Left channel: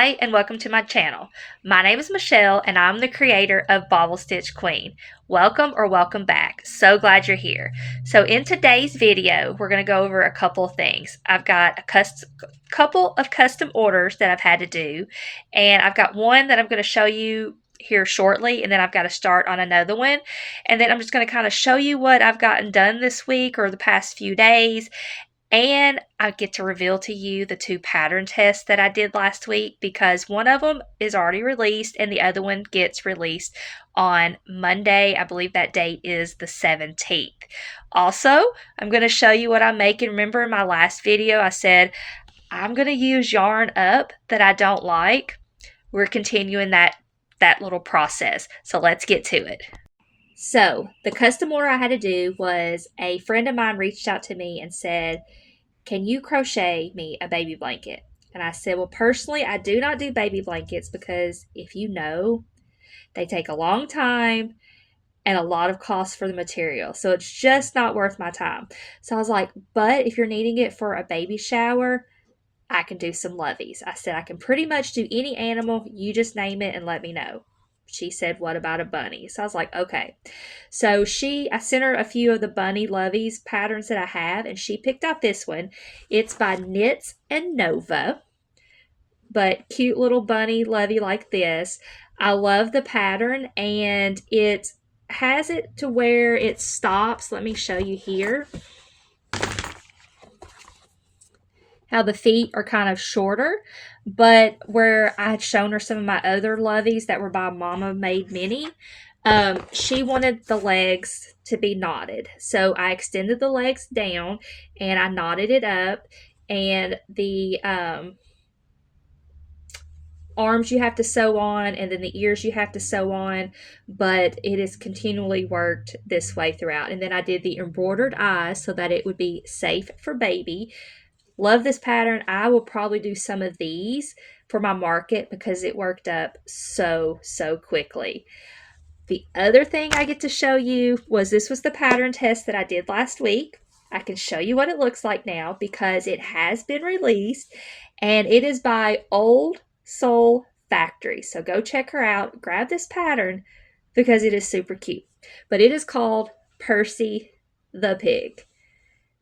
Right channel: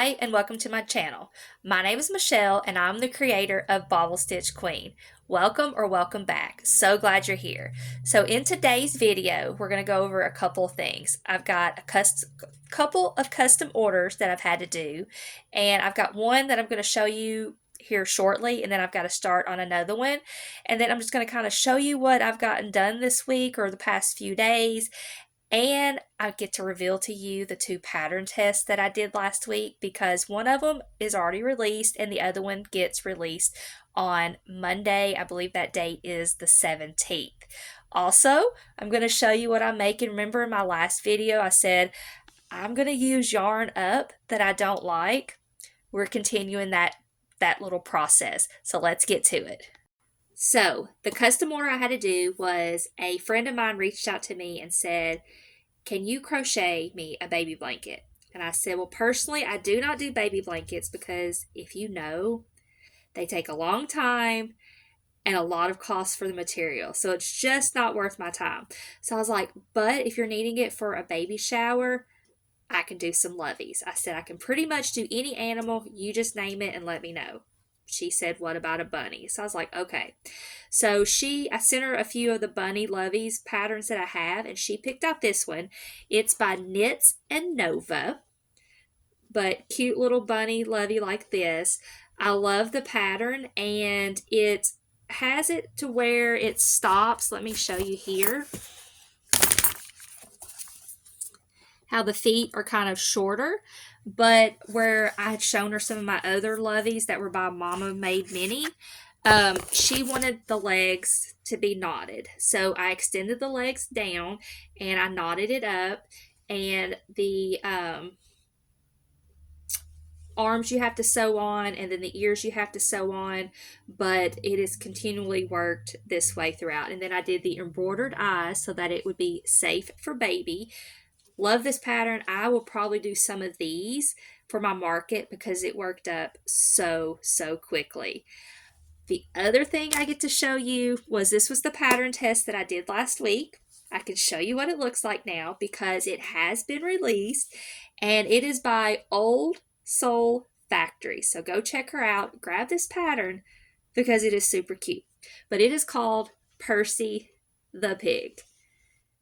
Hi, and welcome to my channel. My name is Michelle, and I'm the creator of Bobble Stitch Queen. Welcome or welcome back. So glad you're here. So in today's video, we're going to go over a couple of things. I've got a couple of custom orders that I've had to do, and I've got one that I'm going to show you here shortly, and then I've got to start on another one, and then I'm just going to kind of show you what I've gotten done this week or the past few days, and I get to reveal to you the two pattern tests that I did last week because one of them is already released and the other one gets released on Monday. I believe that date is the 17th. Also, I'm going to show you what I'm making. Remember in my last video I said I'm going to use yarn up that I don't like. We're continuing that little process. So let's get to it. So the custom order I had to do was a friend of mine reached out to me and said, can you crochet me a baby blanket? And I said, well, personally, I do not do baby blankets because if you know, they take a long time and a lot of cost for the material. So it's just not worth my time. So I was like, but if you're needing it for a baby shower, I can do some loveys. I said, I can pretty much do any animal. You just name it and let me know. She said, what about a bunny? So I was like, okay. So I sent her a few of the bunny loveys patterns that I have, and she picked out this one. It's by Knits and Nova, but cute little bunny lovey like this. I love the pattern, and it has it to where it stops. Let me show you here how the feet are kind of shorter, but where I had shown her some of my other loveys that were by Mama Made Mini, she wanted the legs to be knotted. So I extended the legs down and I knotted it up, and the arms you have to sew on, and then the ears you have to sew on, but it is continually worked this way throughout. And then I did the embroidered eyes so that it would be safe for baby. Love this pattern. I will probably do some of these for my market because it worked up so quickly. The other thing I get to show you was this was the pattern test that I did last week. I can show you what it looks like now because it has been released, and it is by Old Soul Factory. So go check her out. Grab this pattern because it is super cute. But it is called Percy the Pig.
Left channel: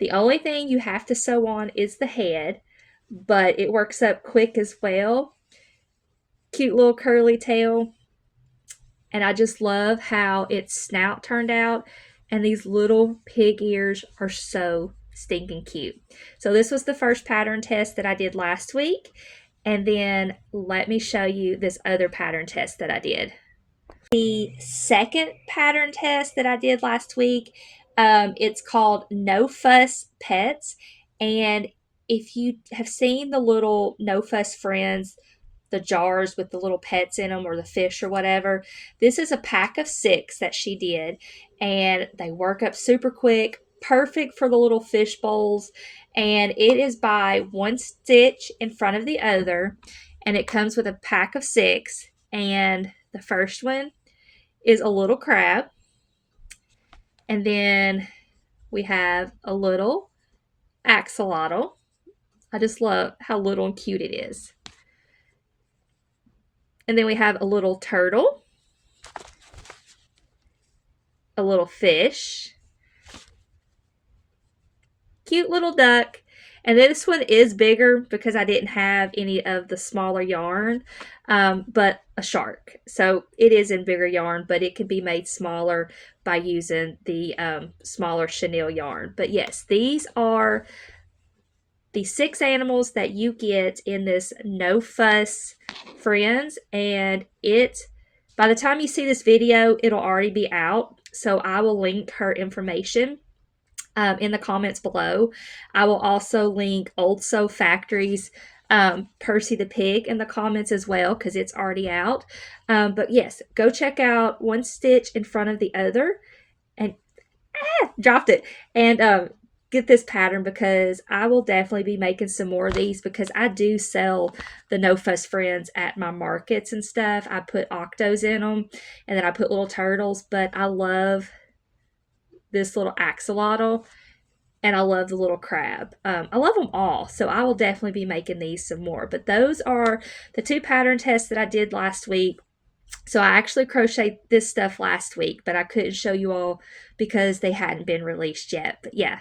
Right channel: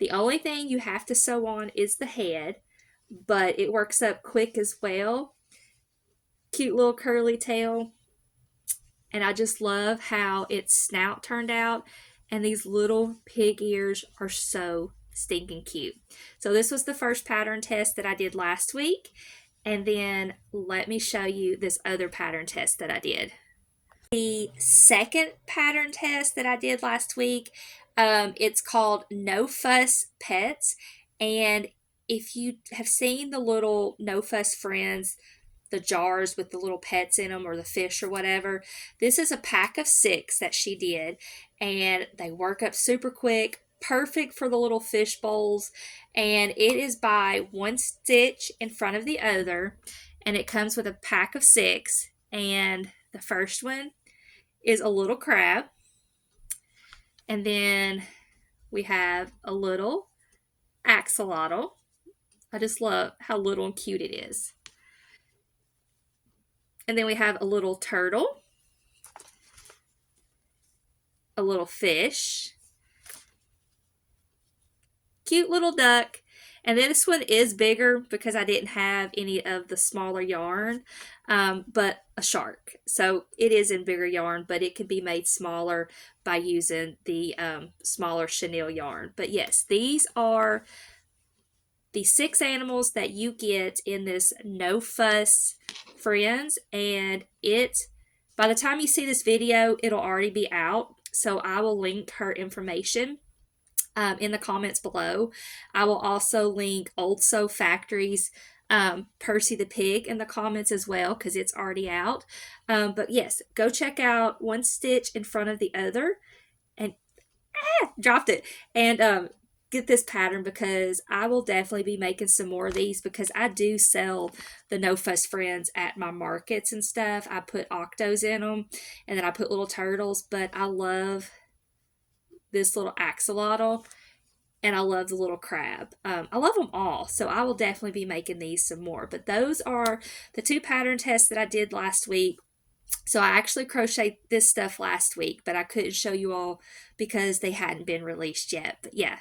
The only thing you have to sew on is the head, but it works up quick as well. Cute little curly tail. And I just love how its snout turned out. And these little pig ears are so stinking cute. So this was the first pattern test that I did last week. And then let me show you this other pattern test that I did. The second pattern test that I did last week, it's called No Fuss Pets. And if you have seen the little No Fuss Friends, the jars with the little pets in them or the fish or whatever, this is a pack of 6 that she did. And they work up super quick, perfect for the little fish bowls. And it is by one stitch in front of the other. And it comes with a pack of 6. And the first one is a little crab, and then we have a little axolotl. I just love how little and cute it is. And then we have a little turtle, a little fish, cute little duck. And this one is bigger because I didn't have any of the smaller yarn, but a shark. So it is in bigger yarn, but it can be made smaller by using the smaller chenille yarn. But yes, these are the 6 animals that you get in this No Fuss Friends. And by the time you see this video, it'll already be out. So I will link her information in the comments below. I will also link Old Soul Factory's Percy the Pig in the comments as well because it's already out. But yes, go check out one stitch in front of the other, and dropped it, and get this pattern because I will definitely be making some more of these because I do sell the No Fuss Friends at my markets and stuff. I put octos in them, and then I put little turtles, but I love this little axolotl. and I love the little crab. I love them all, so I will definitely be making these some more. But those are the 2 pattern tests that I did last week. So I actually crocheted this stuff last week, but I couldn't show you all because they hadn't been released yet. But yeah.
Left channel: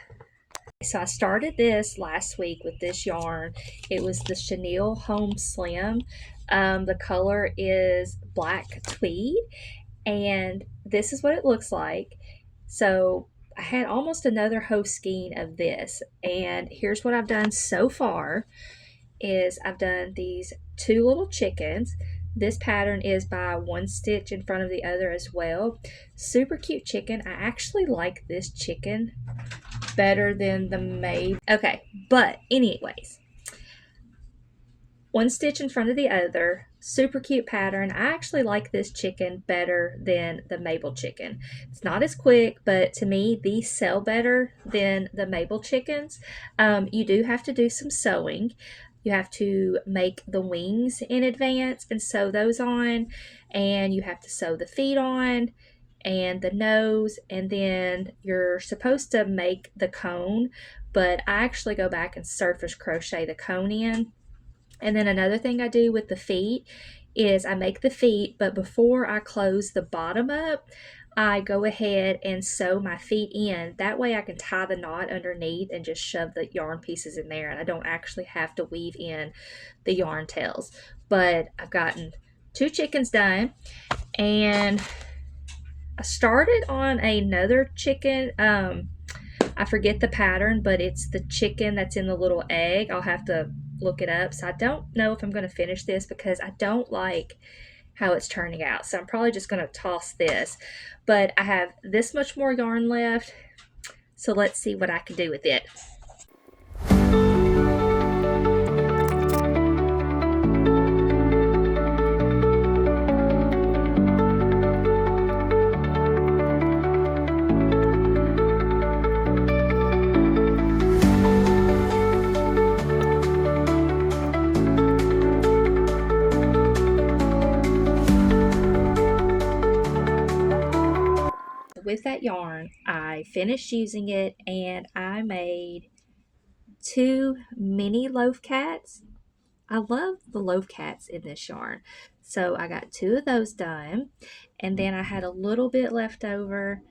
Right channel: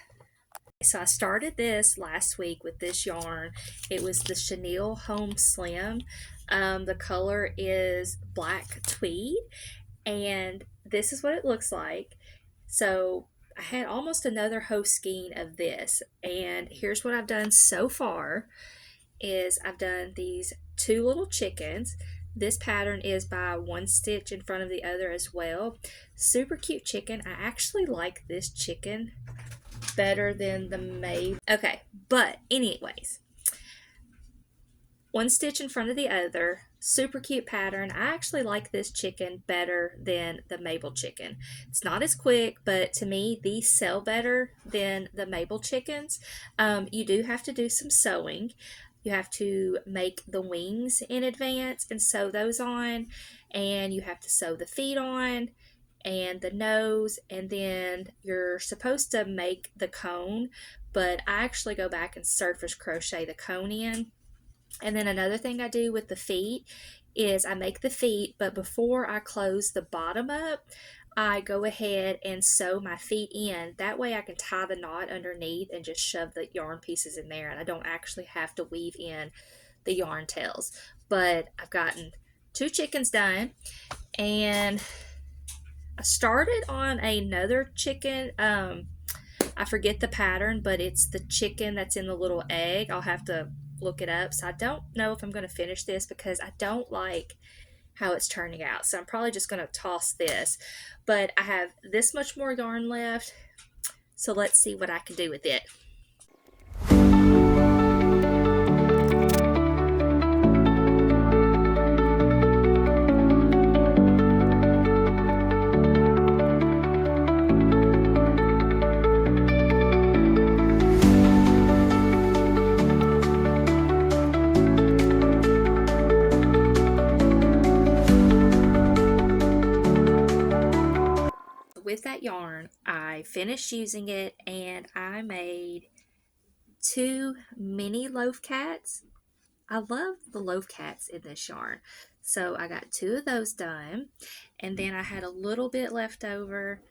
So I started this last week with this yarn. It was the Chenille Home Slim. The color is black tweed, and this is what it looks like. So I had almost another hoe skein of this, and here's what I've done so far is I've done these 2 little chickens. This pattern is by 1 stitch in front of the other as well. Super cute chicken. I actually like this chicken better than the maid. Okay, but anyways, 1 stitch in front of the other, super cute pattern. I actually like this chicken better than the Mabel chicken. It's not as quick, but to me these sell better than the Mabel chickens. You do have to do some sewing. You have to make the wings in advance and sew those on, and you have to sew the feet on and the nose, and then you're supposed to make the cone, but I actually go back and surface crochet the cone in. And then another thing I do with the feet is I make the feet, but before I close the bottom up, I go ahead and sew my feet in. That way I can tie the knot underneath and just shove the yarn pieces in there, and I don't actually have to weave in the yarn tails. But I've gotten 2 chickens done, and I started on another chicken. I forget the pattern, but it's the chicken that's in the little egg. I'll have to look it up. So I don't know if I'm going to finish this because I don't like how it's turning out. So I'm probably just going to toss this. But I have this much more yarn left. So let's see what I can do with it. With that yarn, I finished using it and I made 2 mini loaf cats. I love the loaf cats in this yarn. So I got 2 of those done, and then I had a little bit left over,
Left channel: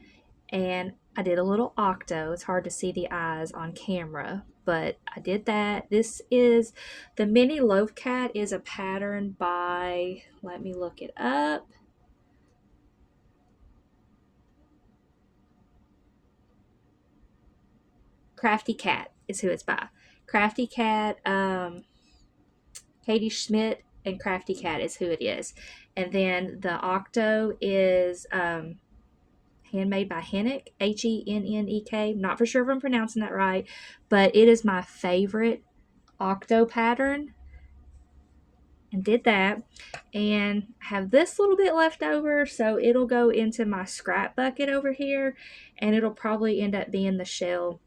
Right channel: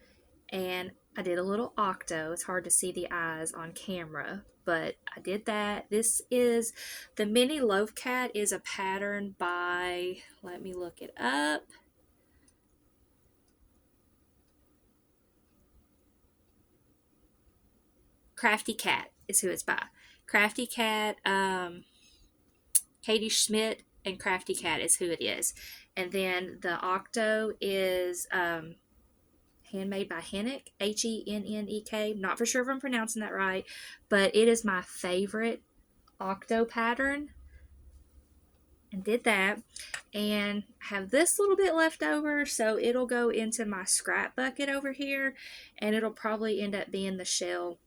and I did a little octo. It's hard to see the eyes on camera, but I did that. This is the mini loaf cat is a pattern by, let me look it up. Crafty Cat is who it's by. Crafty Cat, Katie Schmidt and Crafty Cat is who it is. And then the octo is handmade by Hennek, Hennek. Not for sure if I'm pronouncing that right, but it is my favorite octo pattern. And did that, and have this little bit left over, so it'll go into my scrap bucket over here, and it'll probably end up being the shell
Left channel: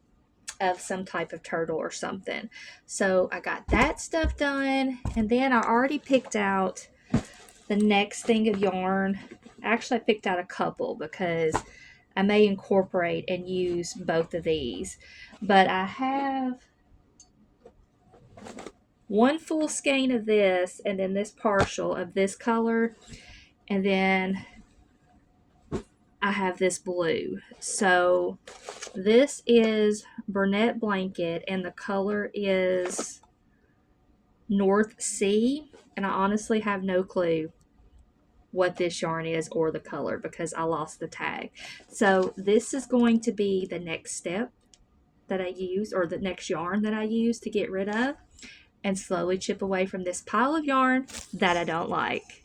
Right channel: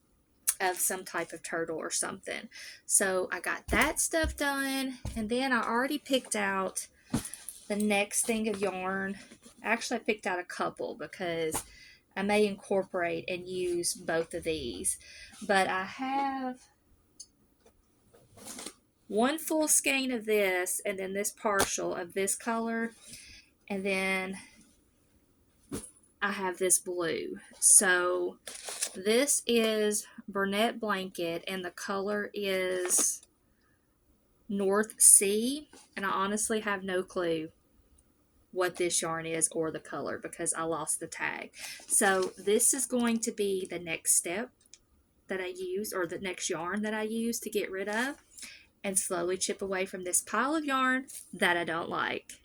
of some type of turtle or something. So I got that stuff done, and then I already picked out the next thing of yarn. Actually, I picked out a couple because I may incorporate and use both of these. But I have 1 full skein of this, and then this partial of this color, and then I have this blue. So this is Burnett Blanket, and the color is North Sea, and I honestly have no clue what this yarn is or the color because I lost the tag. So this is going to be the next step that I use, or the next yarn that I use to get rid of and slowly chip away from this pile of yarn that I don't like.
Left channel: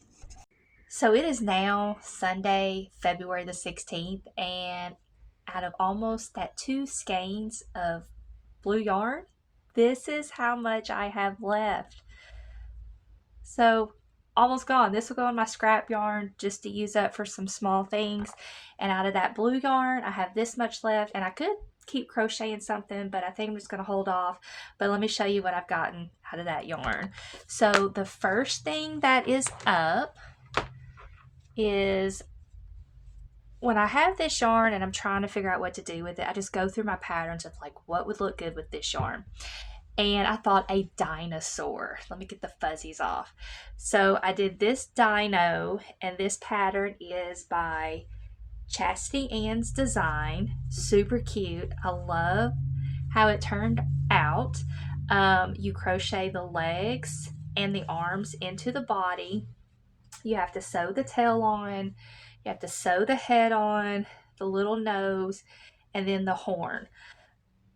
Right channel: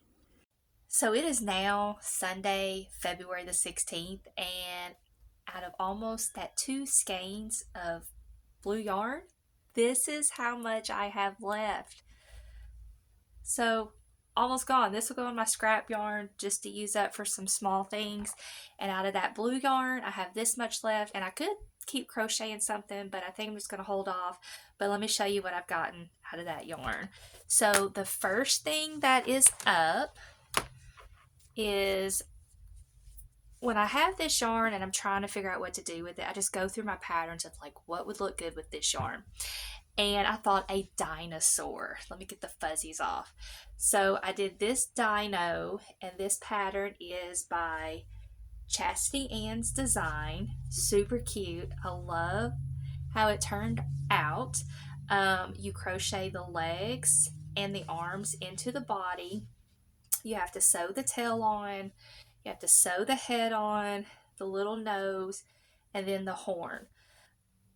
So it is now Sunday, February the 16th, and out of almost that 2 skeins of blue yarn, this is how much I have left. So almost gone. This will go in my scrap yarn just to use up for some small things. And out of that blue yarn, I have this much left, and I could keep crocheting something, but I think I'm just going to hold off. But let me show you what I've gotten out of that yarn. So the first thing that is up is when I have this yarn and I'm trying to figure out what to do with it, I just go through my patterns of like what would look good with this yarn. And I thought a dinosaur. Let me get the fuzzies off. So I did this dino, and this pattern is by Chastity Ann's Design. Super cute. I love how it turned out. You crochet the legs and the arms into the body. You have to sew the tail on. You have to sew the head on, the little nose, and then the horn.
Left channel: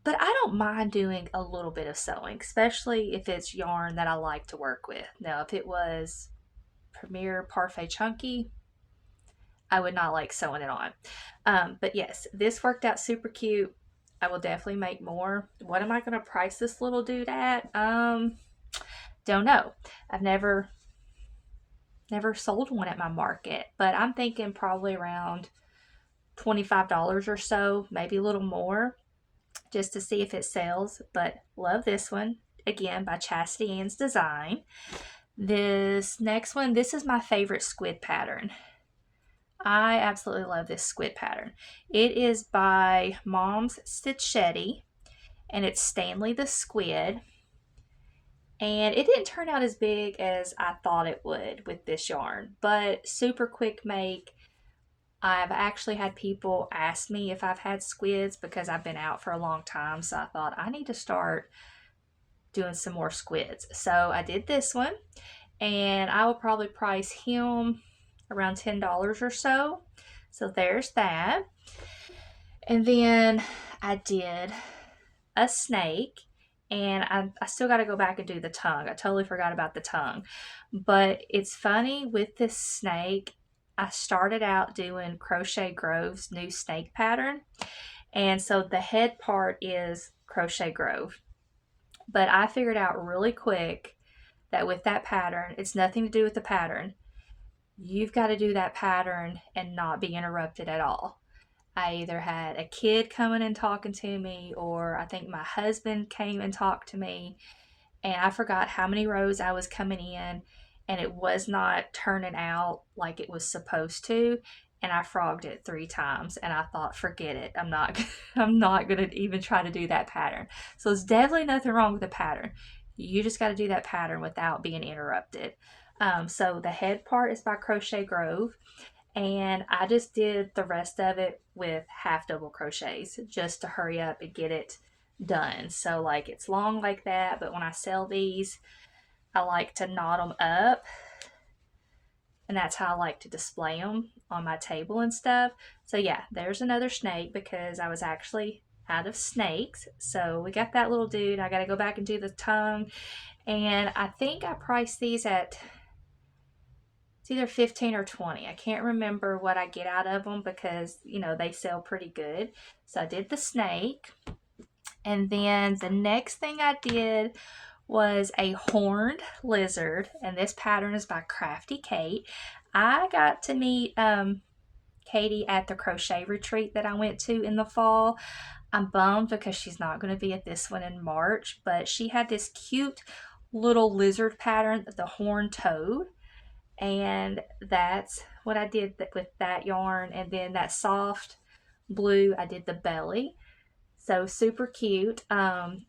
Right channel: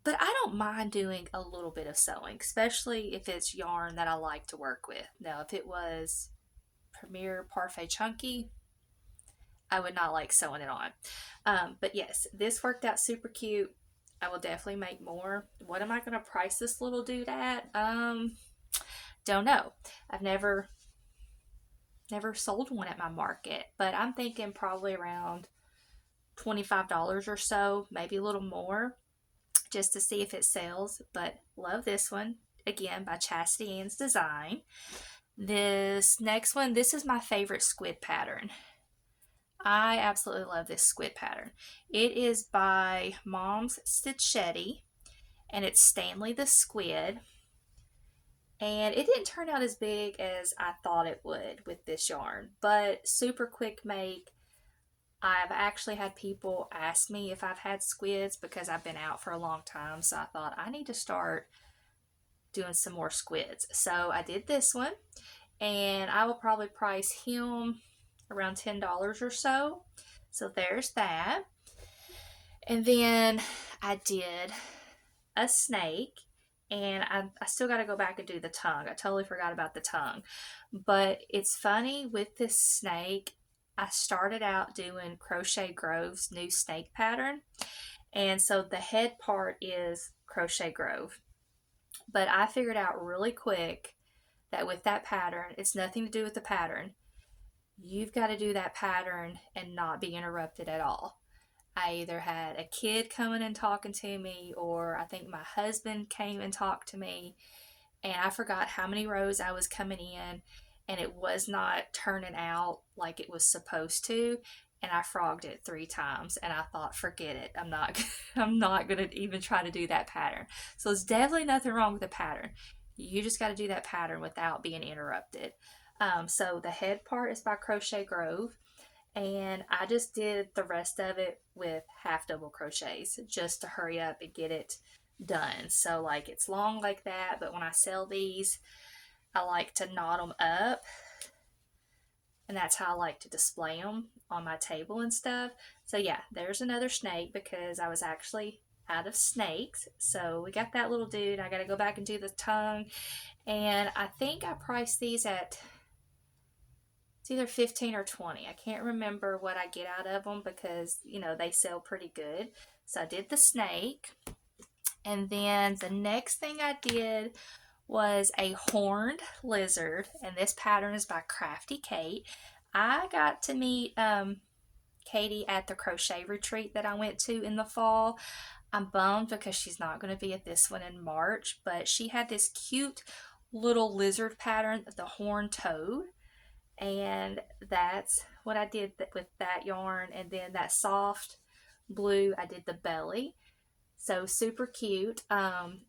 But I don't mind doing a little bit of sewing, especially if it's yarn that I like to work with. Now, if it was Premier Parfait Chunky, I would not like sewing it on. But yes, this worked out super cute. I will definitely make more. What am I going to price this little dude at? Don't know. I've never sold one at my market, but I'm thinking probably around $25 or so, maybe a little more, just to see if it sells. But love this one, again by Chastity Ann's Design. This next one, this is my favorite squid pattern. I absolutely love this squid pattern. It is by Mom's Stitchetti, and it's Stanley the Squid. And it didn't turn out as big as I thought it would with this yarn, but super quick make. I've actually had people ask me if I've had squids because I've been out for a long time, so I thought I need to start doing some more squids. So I did this one, and I will probably price him around $10 or so. So there's that. And then I did a snake, and I still got to go back and do the tongue. I totally forgot about the tongue. But it's funny with this snake, I started out doing Crochet Grove's new snake pattern. And so the head part is Crochet Grove. But I figured out really quick that with that pattern, it's nothing to do with the pattern. You've got to do that pattern and not be interrupted at all. I either had a kid coming and talking to me, or I think my husband came and talked to me, and I forgot how many rows I was coming in, and it was not turning out like it was supposed to, and I frogged it 3 times, and I thought, forget it, I'm not gonna even try to do that pattern. So there's definitely nothing wrong with the pattern. You just got to do that pattern without being interrupted. So the head part is by Crochet Grove, and I just did the rest of it with half double crochets just to hurry up and get it done. So like it's long like that, but when I sell these, I like to knot them up, and that's how I like to display them on my table and stuff. So yeah, there's another snake because I was actually out of snakes. So we got that little dude. I got to go back and do the tongue, and I think I priced these at either 15 or 20. I can't remember what I get out of them because, you know, they sell pretty good. So I did the snake. And then the next thing I did was a horned lizard. And this pattern is by Crafty Kate. I got to meet Katie at the crochet retreat that I went to in the fall. I'm bummed because she's not going to be at this one in March. But she had this cute little lizard pattern, the horned toad. And that's what I did with that yarn. And then that soft blue, I did the belly. So super cute.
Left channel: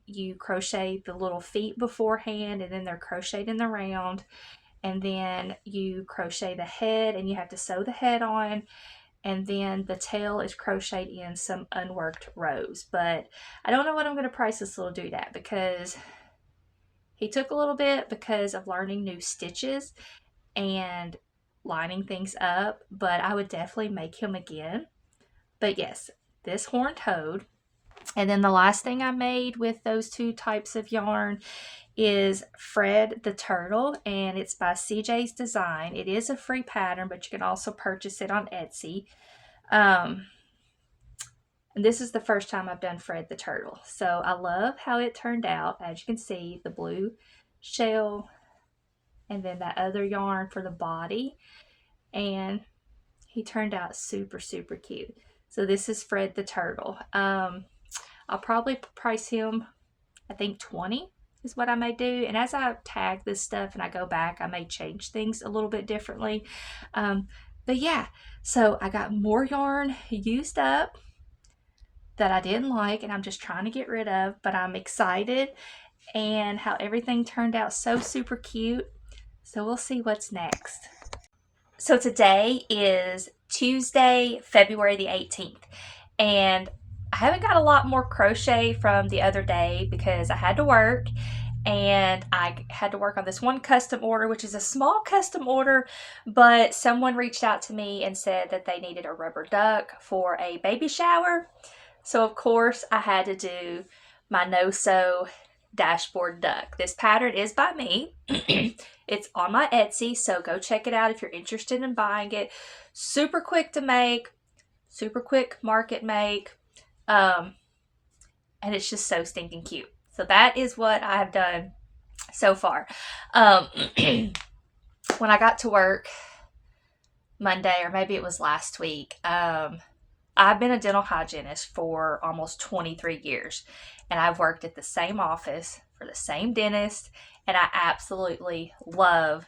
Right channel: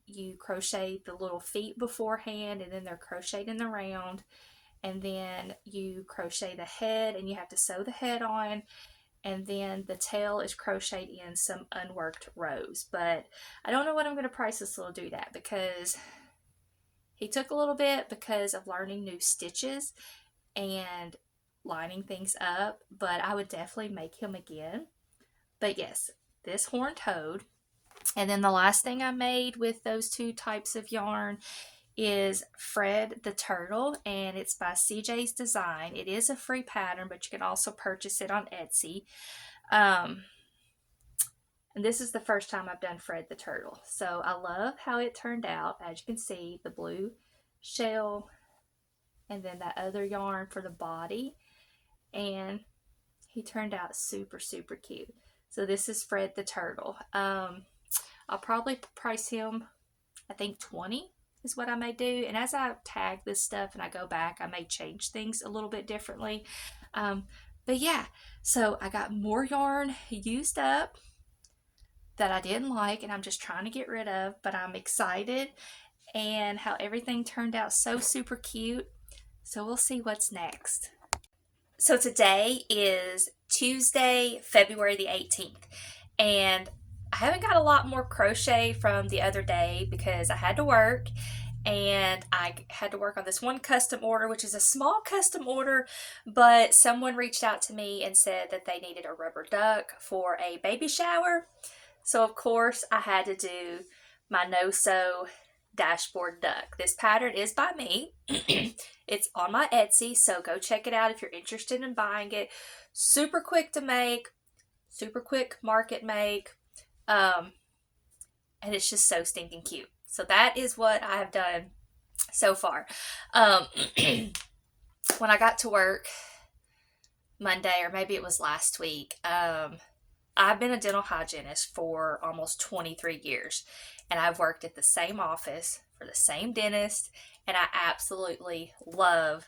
You crochet the little feet beforehand, and then they're crocheted in the round. And then you crochet the head, and you have to sew the head on. And then the tail is crocheted in some unworked rows. But I don't know what I'm going to price this little dude at because he took a little bit because of learning new stitches and lining things up, but I would definitely make him again. But yes, this horned toad. And then the last thing I made with those 2 types of yarn is Fred the Turtle, and it's by CJ's Design. It is a free pattern, but you can also purchase it on Etsy. And this is the first time I've done Fred the Turtle. So I love how it turned out. As you can see, the blue shell, and then that other yarn for the body, and he turned out super cute. So this is Fred the Turtle. I'll probably price him, I think 20 is what I may do, and as I tag this stuff and I go back, I may change things a little bit differently. But But yeah, so I got more yarn used up that I didn't like and I'm just trying to get rid of, but I'm excited and how everything turned out so super cute. So we'll see what's next. So today is Tuesday, February the 18th, and I haven't got a lot more crochet from the other day because I had to work and I had to work on this one custom order, which is a small custom order, but someone reached out to me and said that they needed a rubber duck for a baby shower. So of course I had to do my no-sew dashboard duck. This pattern is by me. It's on my Etsy, so go check it out if you're interested in buying it. Super quick to make, super quick market make, and it's just so stinking cute. So that is what I have done so far. When I got to work Monday, or maybe it was last week, I've been a dental hygienist for almost 23 years, and I've worked at the same office for the same dentist, and I absolutely love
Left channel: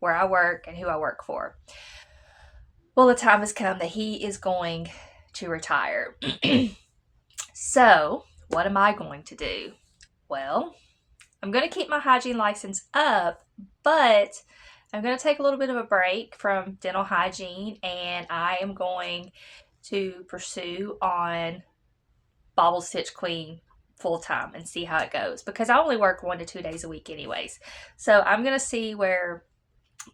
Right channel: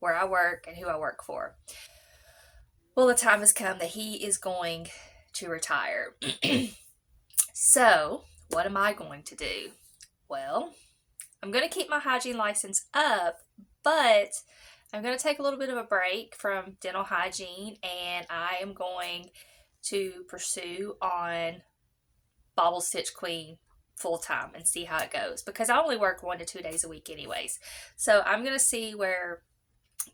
where I work and who I work for. Well, the time has come that he is going to retire. So, what am I going to do? Well, I'm going to keep my hygiene license up, but I'm going to take a little bit of a break from dental hygiene, and I am going to pursue on Bobble Stitch Queen full time and see how it goes, because I only work 1 to 2 days a week anyways. So I'm going to see where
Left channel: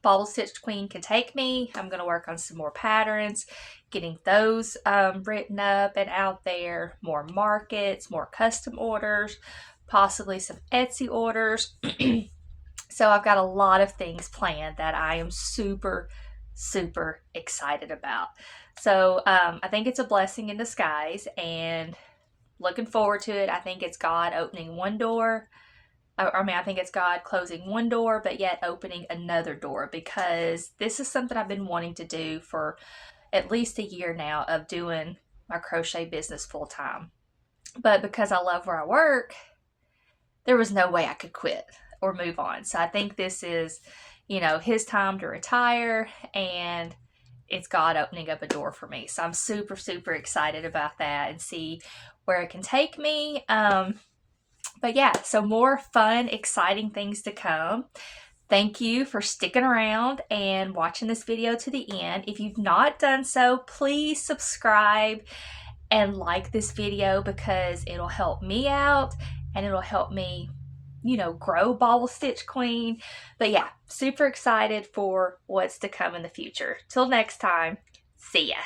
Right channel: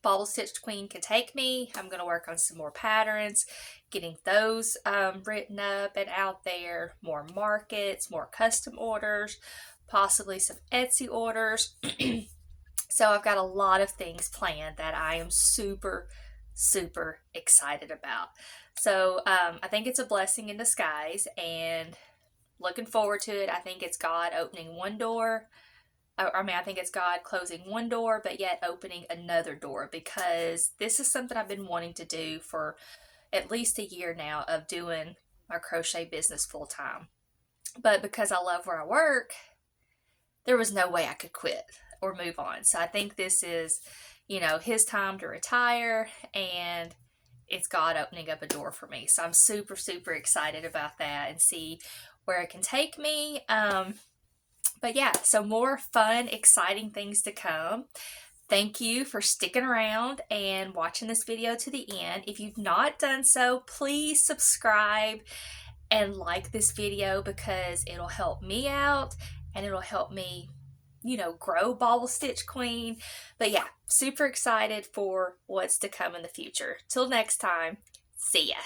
Bobble Stitch Queen can take me. I'm going to work on some more patterns, getting those written up and out there, more markets, more custom orders, possibly some Etsy orders. So I've got a lot of things planned that I am super, super excited about. So I think it's a blessing in disguise and looking forward to it. I think it's God opening one door. I think it's God closing one door, but yet opening another door, because this is something I've been wanting to do for at least a year now, of doing my crochet business full time. But because I love where I work, there was no way I could quit or move on. So I think this is, his time to retire, and it's God opening up a door for me. So I'm super, super excited about that and see where it can take me. But yeah, so more fun, exciting things to come. Thank you for sticking around and watching this video to the end. If you've not done so, please subscribe and like this video, because it'll help me out and it'll help me, grow Bobble Stitch Queen. But yeah, super excited for what's to come in the future. Till next time, see ya.